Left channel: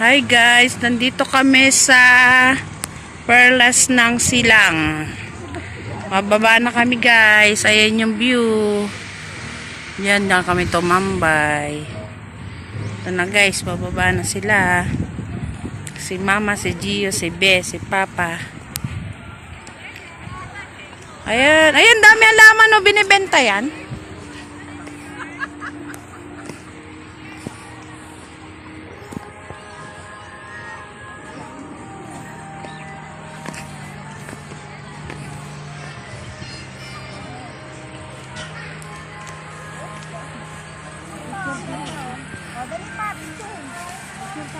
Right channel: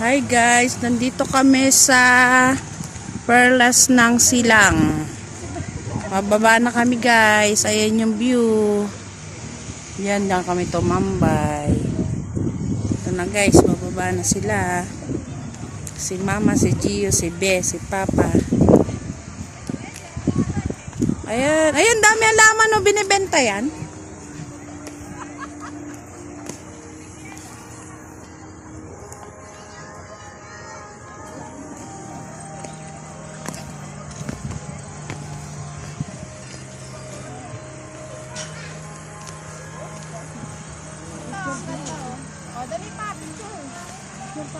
Hi guys, nandito kami sa Perlas ng Silang. Mababa na kami guys. Ayan yung view. Yan na kami tumambay. Ito na guys, mababa na sila. Si Mama, si Gio, si Be, si Papa. Ayan, ayan dami alaman o binibenta yan.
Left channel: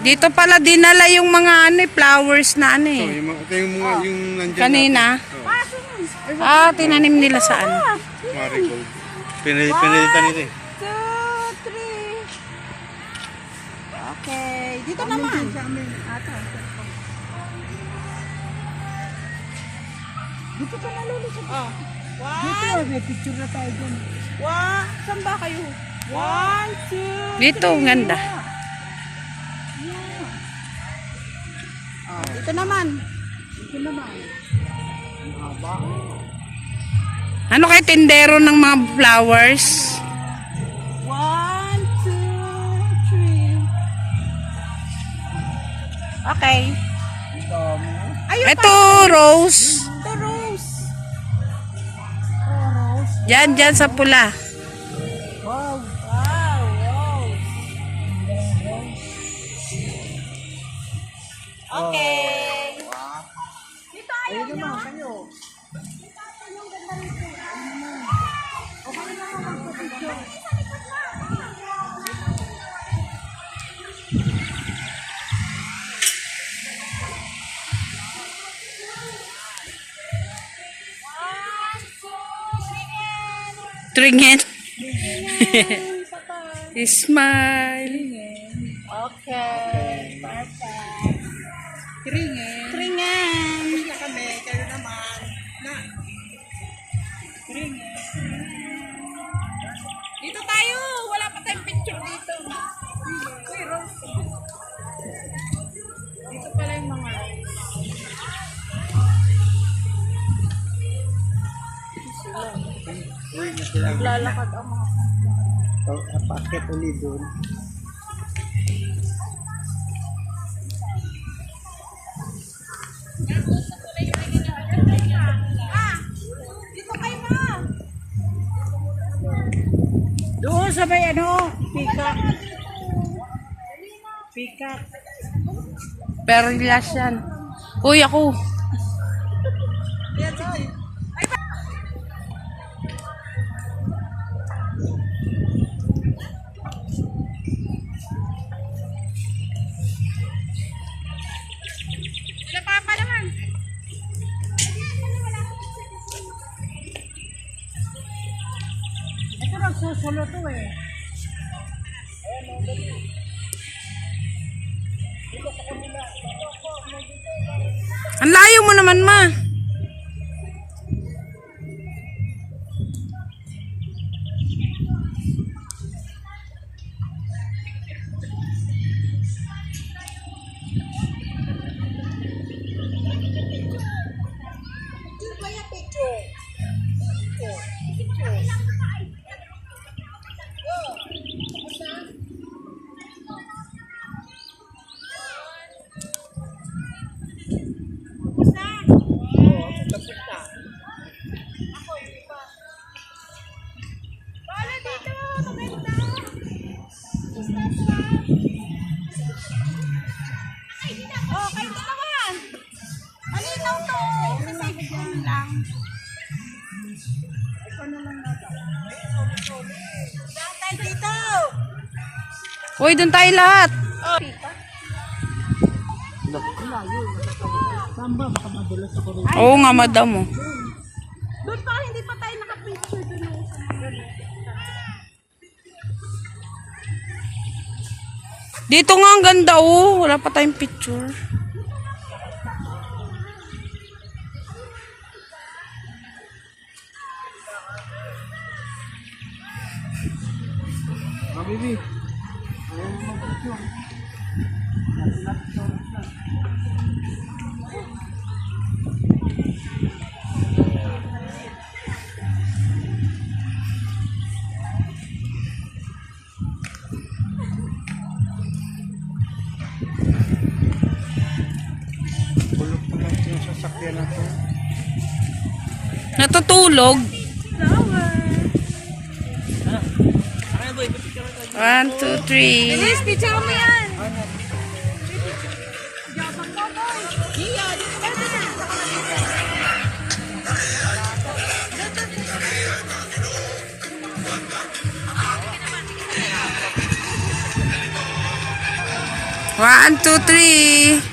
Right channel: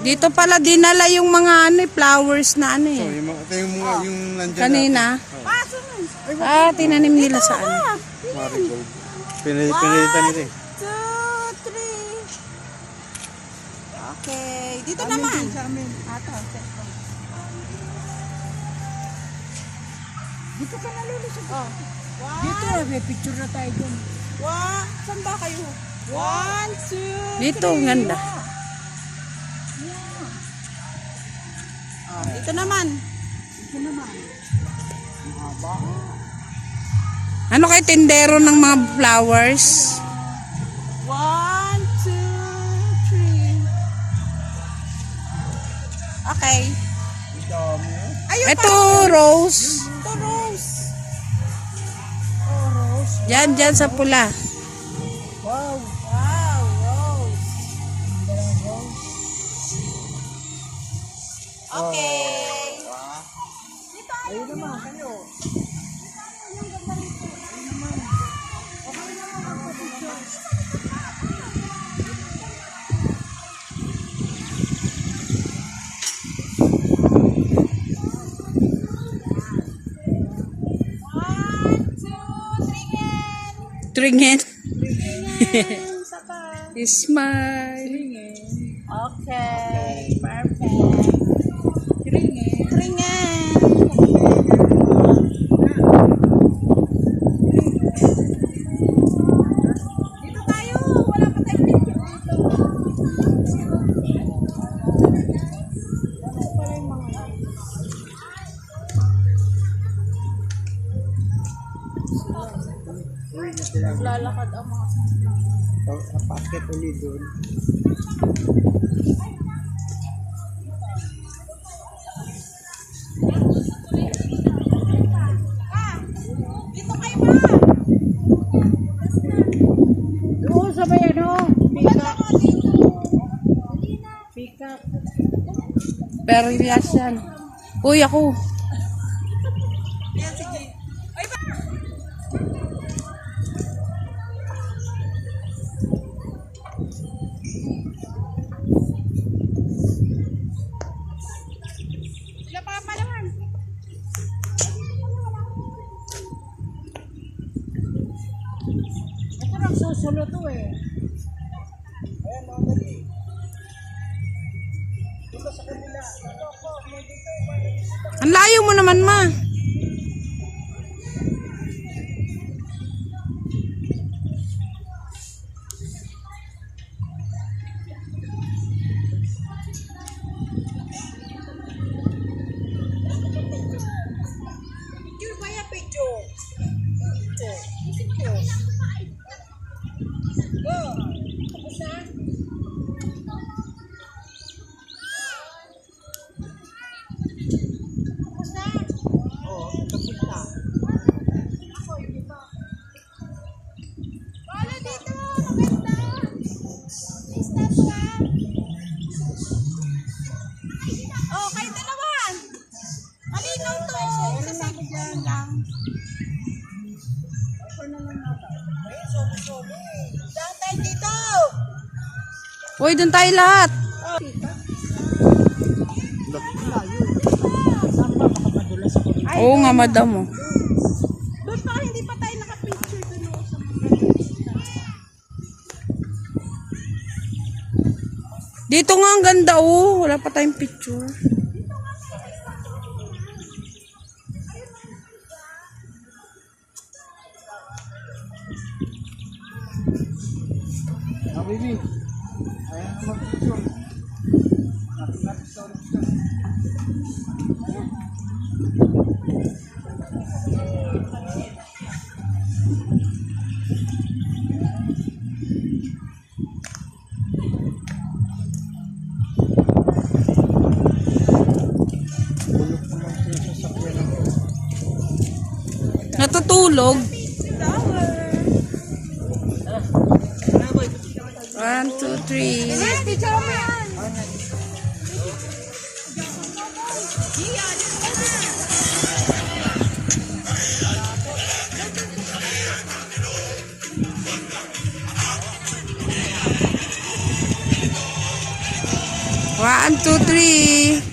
Dito pala dinala yung mga flowers na Ito yung mga yung nandiyan kanina. Tinanim nila sa Marigold. Pinilitan nila eh. 2, 3. Okay, dito naman. Dito ka nalulusog. Dito, may picture na tayo dun. Saan ba kayo? 1, 2, 3. Dito, ganda. Dito naman. Haba. Ano kay tindero ng mga flowers? 1, 2, 3. Okay. Ito, rose. Ito, rose. Oh, rose. Diyan sa pula. Wow. Wow, rose. Okay. Dito ayaw nyo. Tringen. Smile. Okay, perfect. Ringen. Dito tayo. Wala pa tayong picture dito. Dito pala yung mga lalakad ang mga Paket ulit doon. dito kayo na. Doon sa may Peacock. Perlas yan. Uy, ako. Sila papa naman. Ito nagsusulo to eh. Ang layo mo naman, ma. Picture ba yan? Picture. Picture. Go. Tapos na. Wala dito. Oh, kayo dalawa. Malinaw to. Sasakyan lang. Saan tayo dito? Uy, doon tayo lahat. Oo nga, madam mo. Doon pa, hindi pa tayo nakapicture doon. Dito nga ang ganda, oh. Wala pa tayong picture. Baby. Ayan naman picture. Bulok na lang yung sasakyan na to. Natutulog. 1, 2, 3. Bilis, picture mo yan. One, two, three.